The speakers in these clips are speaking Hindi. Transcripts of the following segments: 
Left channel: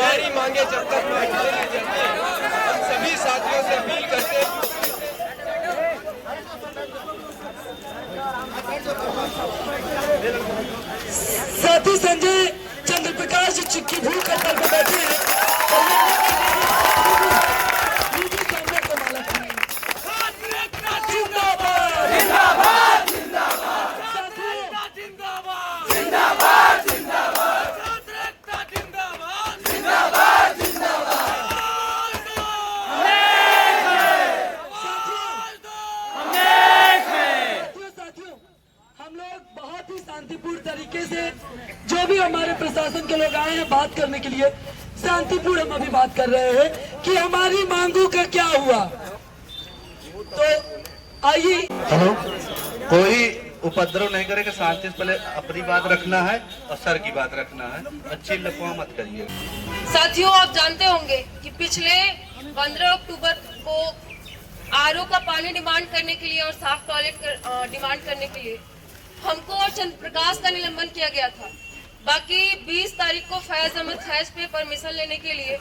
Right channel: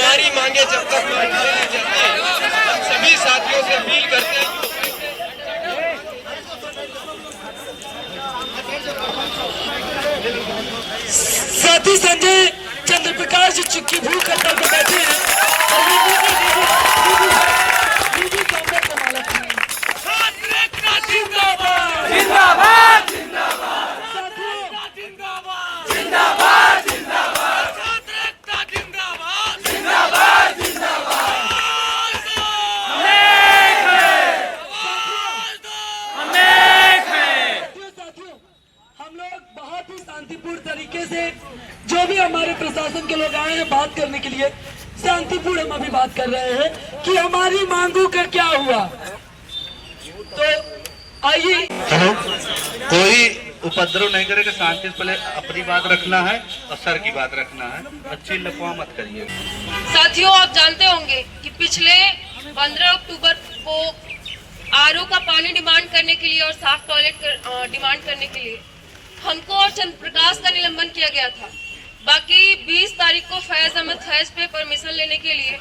हमारी मांगे जब तक पूरी नहीं चलती, हम सभी साथियों से अपील करते हैं। साथी संजय चंद्र प्रकाश जी चिक्की भूख पर बैठे हैं। शांतिपूर्ण तरीके से जो भी हमारे प्रशासन के लोग आए हैं बात करने के लिए, शांतिपूर्ण हम अभी बात कर रहे हैं कि हमारी मांगों का क्या हुआ। तो आइए, कोई उपद्रव नहीं करेगा, शांति से पहले अपनी बात रखना है और सर की बात रखना है, अच्छी लफवा मत करिए। साथियों, आप जानते होंगे कि पिछले 15 अक्टूबर को आरओ का पानी डिमांड करने के लिए और साफ टॉयलेट डिमांड करने के लिए हमको और चंद्र प्रकाश का निलंबन किया गया था। बाकी 20 तारीख को फैज अहमद फैज पे परमिशन लेने के लिए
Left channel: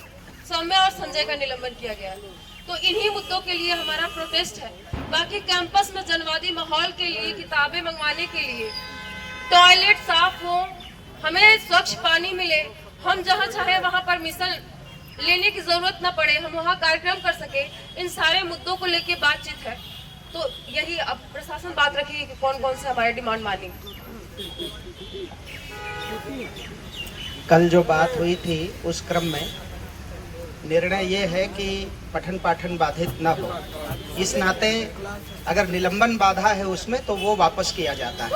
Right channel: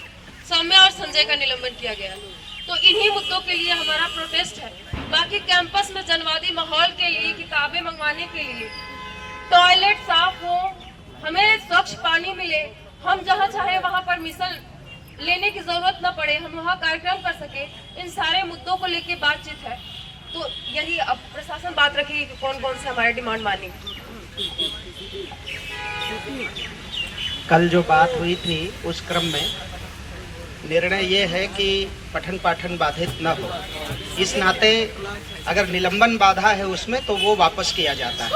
सौम्या और संजय का निलंबन किया गया। तो इन्हीं मुद्दों के लिए हमारा प्रोटेस्ट है। बाकी कैंपस में जनवादी माहौल के लिए, किताबें मंगवाने के लिए, टॉयलेट साफ हो, हमें स्वच्छ पानी मिले, हम जहाँ चाहे वहाँ परमिशन लेने की जरूरत न पड़े, हम वहाँ कार्यक्रम कर सके, इन सारे मुद्दों को लेके बातचीत है। तो यही अब प्रशासन बात रखेगी कि कौन कौन से हमारे डिमांड मानेंगे। कल जो बात हुई थी उस क्रम में निर्णय ये है कि पठन पाठन बाधित न हो। इस नाते अगर निलंबन बाधा है उसमें तो वो वापस किया जाता है।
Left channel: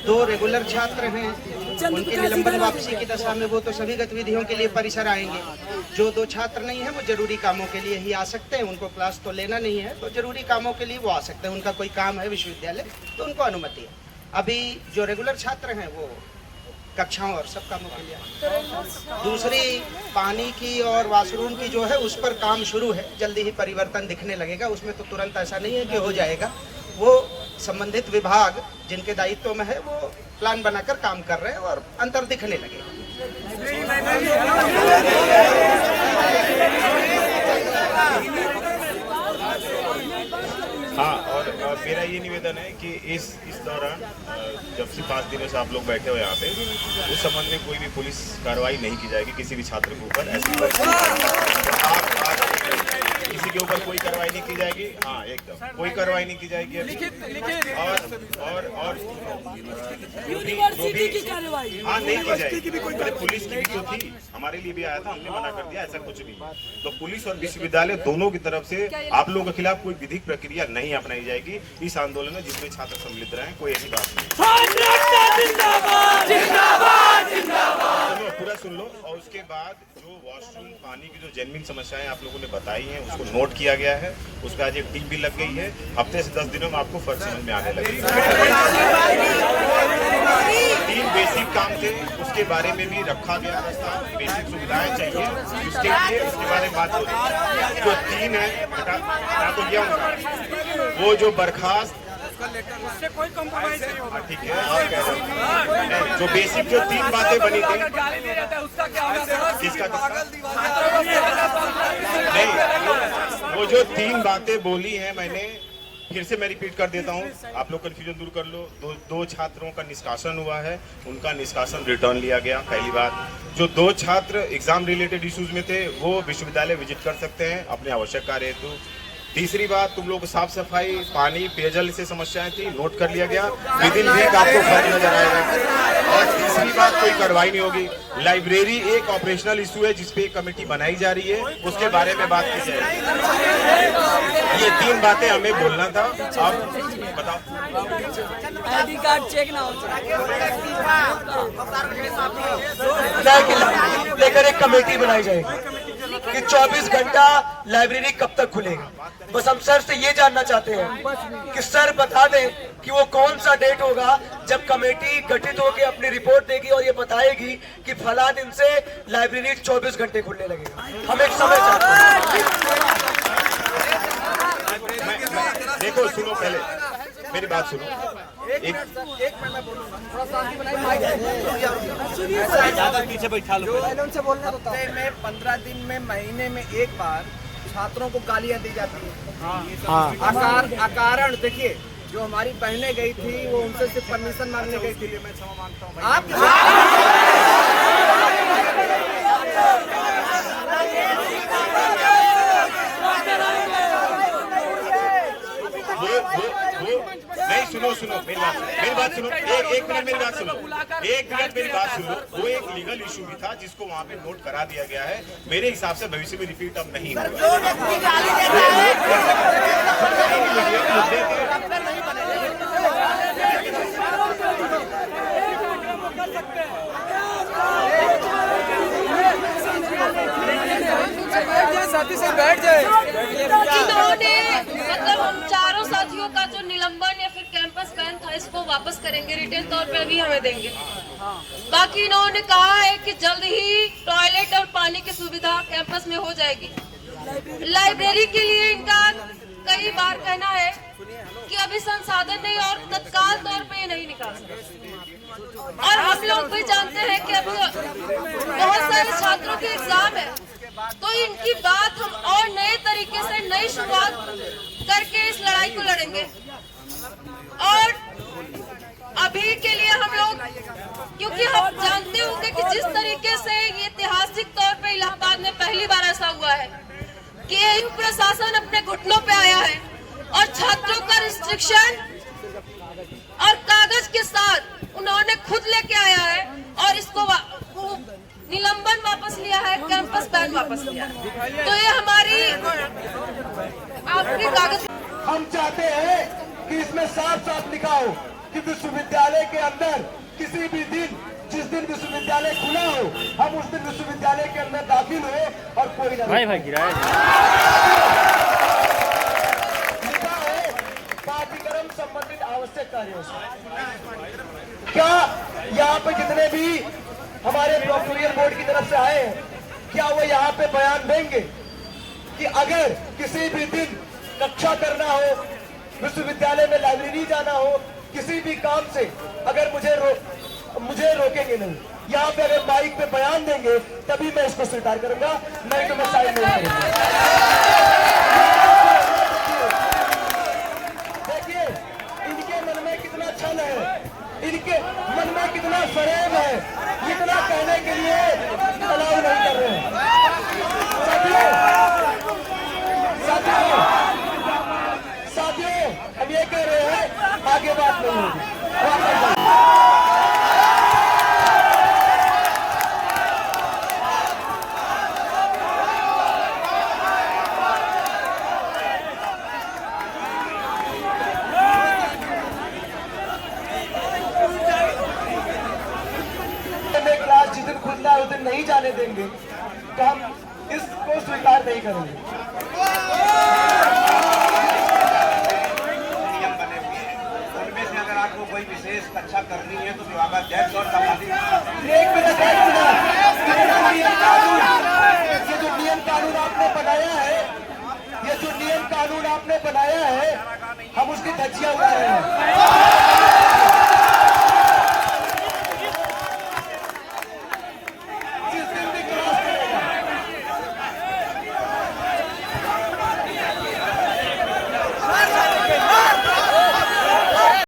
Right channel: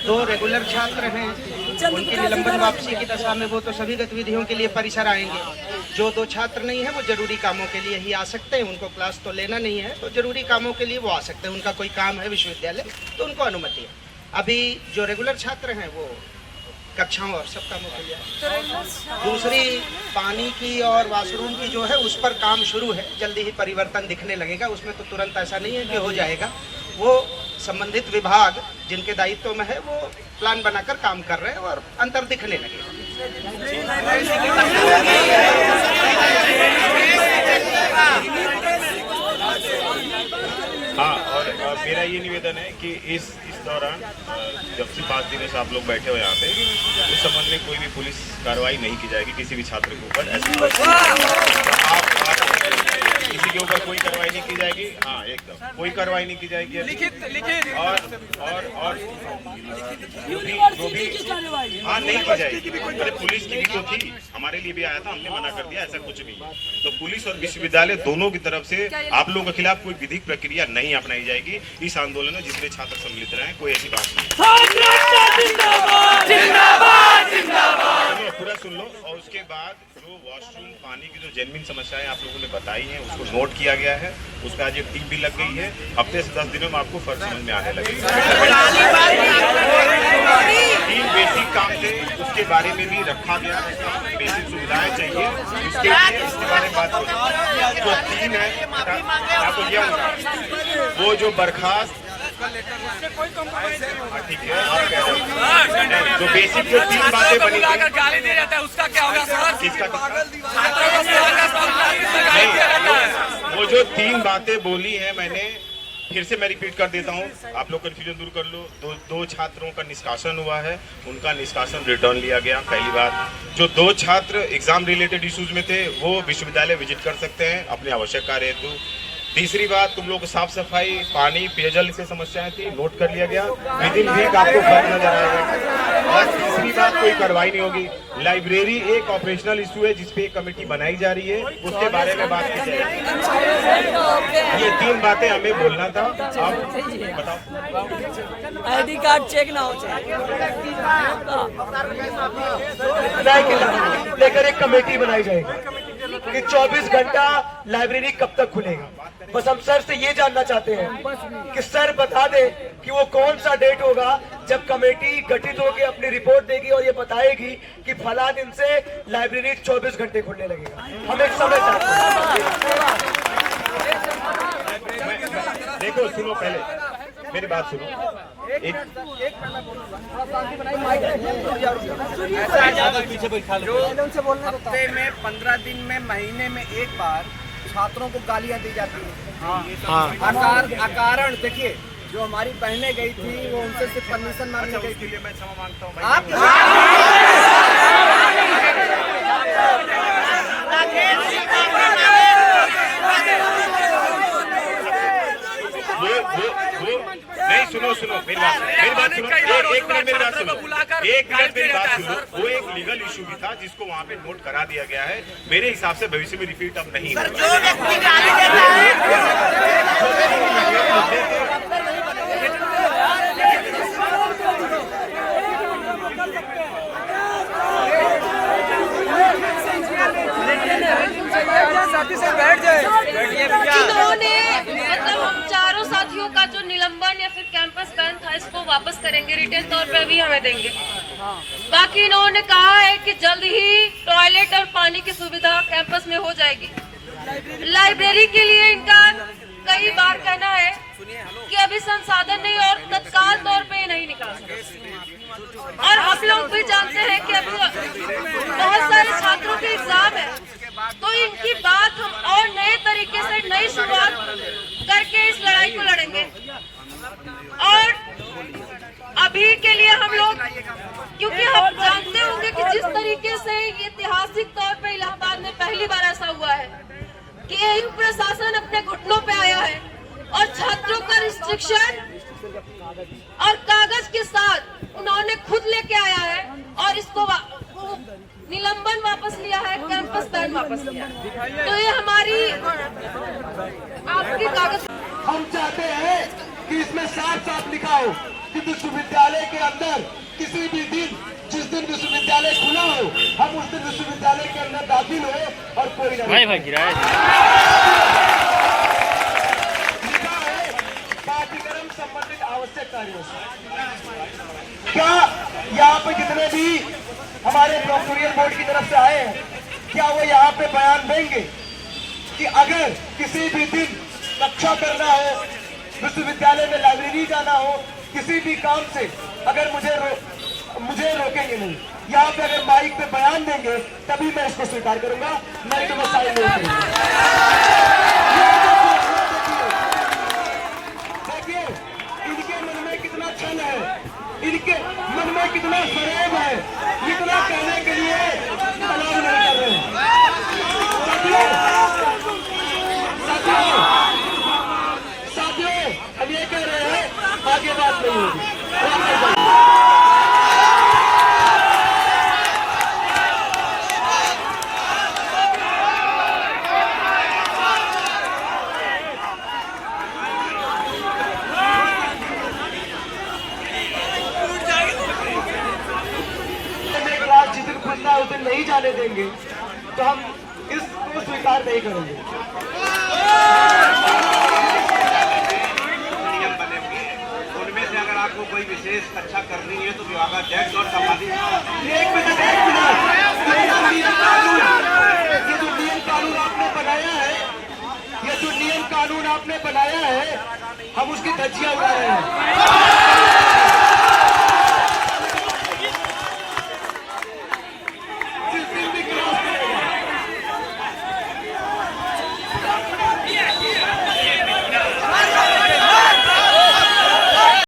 जो रेगुलर छात्र हैं उनके निलंबन वापसी की दशा में वो तो सभी गतिविधियों के लिए परिसर आएंगे। जो 2 छात्र नहीं है वो जरूरी कामों के लिए ही आ सकते हैं, उनको क्लास तो लेना नहीं है, तो जरूरी कामों के लिए वो आ सकते हैं। उनका कोई काम है विश्वविद्यालय तो उनको अनुमति है। अभी जो रेगुलर छात्र हैं वो कक्षाओं और सब कामों के लिए। दूसरी पानी की और वाशरूम की जो है उस पर काम शुरू है, जल्दी ही परिवर्तन दिखने लगेगा। उसमें तो तुरंत ऐसा नहीं है कि हो जाएगा, वो संबंधित विभाग जिनके दायित्व में है वो प्लान बनाकर काम कर रहे हैं और अंतर दिखने लगेगा। हाँ, और मेरा ये निवेदन है कि इस दौरान जब से 5 दिनों से आप लोग बैठे हो यहाँ पे, उस संबंध में कोई भी पुलिस कार्रवाई नहीं की जाएगी किसी भी छात्र के ऊपर। किसी के ऊपर कोई कार्रवाई नहीं की जाएगी। हाँ, एकदम कोई कार्रवाई नहीं की जाएगी। लिखित और जो भी हाँ नहीं की जाएगी। अरे पुलिस की भी तो थी, हमारे लिए भी आया था, हमने मना कर दिया, ऐसा कुछ नहीं। तो पुलिस और विश्वविद्यालय दोनों की तरफ से आप लोगों के खिलाफ कोई विधिक प्रक्रिया नहीं अपनाई जाएगी इस आंदोलन में जिसमें छात्र सम्मिलित रहे। कोई ऐसी बात नहीं। पूरा सुन लो। और उसके बाद जो वॉशरूम पानी की जो जेन्युइन समस्याएं आप लोगों ने बताई हैं उसको नोट किया गया है। उस पर आज एक टीम भी लग गई है। हफ्ते से 10 दिनों में आपको फर्क समझ में आने लगेगा। 3 बेसिक काम थे, उसके बारे में भी रखा गया। बेसिक सुविधाएं चाहिए उसके लिए, उसके बारे में बात होगी। जो 3 है वो जो बर्खास्त ठीक है, जो बेसिक जो 3 बातें बनी थी, गाली दे जाता है उसका क्या होगा सर? किसका? नहीं, वो जो 3 बातें बोली हैं मैंने फिर से मैं रिपीट कर देता हूँ, आप लोग कन्फ्यूजन दूर कर लो। दो छात्रों का निष्कासन हुआ है, उनका निष्कासन रिटर्न लिया गया। पहली बात, जो 2 छात्र एग्जाम रिलेटेड इश्यूज में थे वो विश्वविद्यालय विजिट कर सकते हैं अपने आवश्यक कार्य हेतु। तीसरी बात, तुम लोग साफ सफाई, पानी, पेयजल से समस्याएं थी, नोट कर लिया गया। विदिन वीक आपको फर्क नजर आएगा। और तीसरी बात, कोई कार्रवाई नहीं होगी। लाइब्रेरी एक ऑपरेशनल इशू है जिसपे एक कमेटी बनाई जा रही है, उसके बारे में बात की जाएगी। ये 3 बातें हमें बोलना था। अब बताओ, आईडी कार्ड चेक ना हो लेकर एक कमेटी बनाई जाएगी कि 24 घंटा लाइब्रेरी कब तक खुलेगी। बस हम सर से ये जानना चाहते हैं कि सर बता दें कि वो कौन सा डेट होगा जब कमेटी गठित होकर अपनी रिपोर्ट देगी और ये बताएगी कि फला दिन से लाइब्रेरी 24 घंटे खुलने लगेगा। हम एक समय चाहते हैं। देखो सुनो, पहले मेरी बात सुनो। हफ्ते में 15 दिन में महीने में एक बार छात्रों को गालियां दी जाती है। अकारण देखिए, जो हमारी बहनें गई थी वो उनसे सिर्फ परमिशन मांगने गई थी। नहीं, सुनो मेरी बात सुनो, एक मिनट मेरी बात सुनो, वो एक लीगल इशू भी था जिसको वहाँ पे नोट करा दिया गया है। मेरे हिसाब से भविष्य में रिपीट अब नहीं जिन्होंने मतलब हम चारों साथियों का जो निलंबन या फिर कैंपस बैन था इसको वापस करेंगे, रिटर्न तौर पे अभी हमें देंगे। बाकी इन्होंने कहा है कि जल्द ही टॉयलेट और पानी की सुविधा कैंपस में हो जाएगी। लाइब्रेरी के लिए इनका कई बार कहना है कि अभी संसाधन नहीं और तत्काल तौर पे नहीं निकाल सकते। और हम लोग भी जानते हैं कि अभी बहुत सारे छात्रों के एग्जाम है, तो इनकी बात हम और नए तरीके से नई शुरुआत करके इस लड़ाई को लड़ेंगे। और अभी के लिए हम लोग, क्योंकि हम जानते होंगे कि जिस तरीके से ये ऐतिहासिक तौर पे इलाहाबाद में पहली बार ऐसा हुआ है कि ये प्रशासन अपने घुटनों पे आया है और छात्रों का रिस्ट्रिक्शन और कागज के साथ उन्होंने खुद लेके आया है और इसको निलंबन वापस लिया है, कैंपस बैन वापस लिया है। तो ये हमारी आपके कागज। हम चाहते हैं कि इसमें साफ साफ लिखा हो कि विश्वविद्यालय के अंदर किसी भी दिन, जिस दिन विश्वविद्यालय खुला हो, हम उस दिन विश्वविद्यालय के अंदर दाखिल हो और कोई पाठ्यक्रम संबंधित आवश्यक कार्यों से। क्या यहाँ पे जितने भी हमारे प्रोक्टोरियल बोर्ड की तरफ से आए हैं, क्या वो यहाँ पे बयान देंगे कि अगर किसी भी दिन कक्षा करना हो, विश्वविद्यालय में लाइब्रेरी जाना हो, किसी भी काम से अगर मुझे रोकेंगे नहीं। यहाँ पे अगर माइक पे बयान देंगे तभी मैं इसको स्वीकार करूंगा, माइक में साइन नहीं करूंगा। देखिए इनके मन में कितना छल है, इनके मन में कितना फरेब है, इतना कहने के लिए अलाउ नहीं कर रहे हैं। साथियों हम ये कह रहे हैं, आगे बात नहीं होगी। जिस दिन खुलना उस दिन नहीं जाने देंगे तो हम इसको स्वीकार नहीं करेंगे। नियम बने हुए हैं, उनमें से अगर आपको कोई विशेष कक्षा करनी है तो विभागाध्यक्ष और संबंधित एक मिनट ये जो नियम कानून आपने बनाया है, ये जो नियम कानून आपने बनाया है, हम उसकी धज्जियां उड़ा रहे हैं।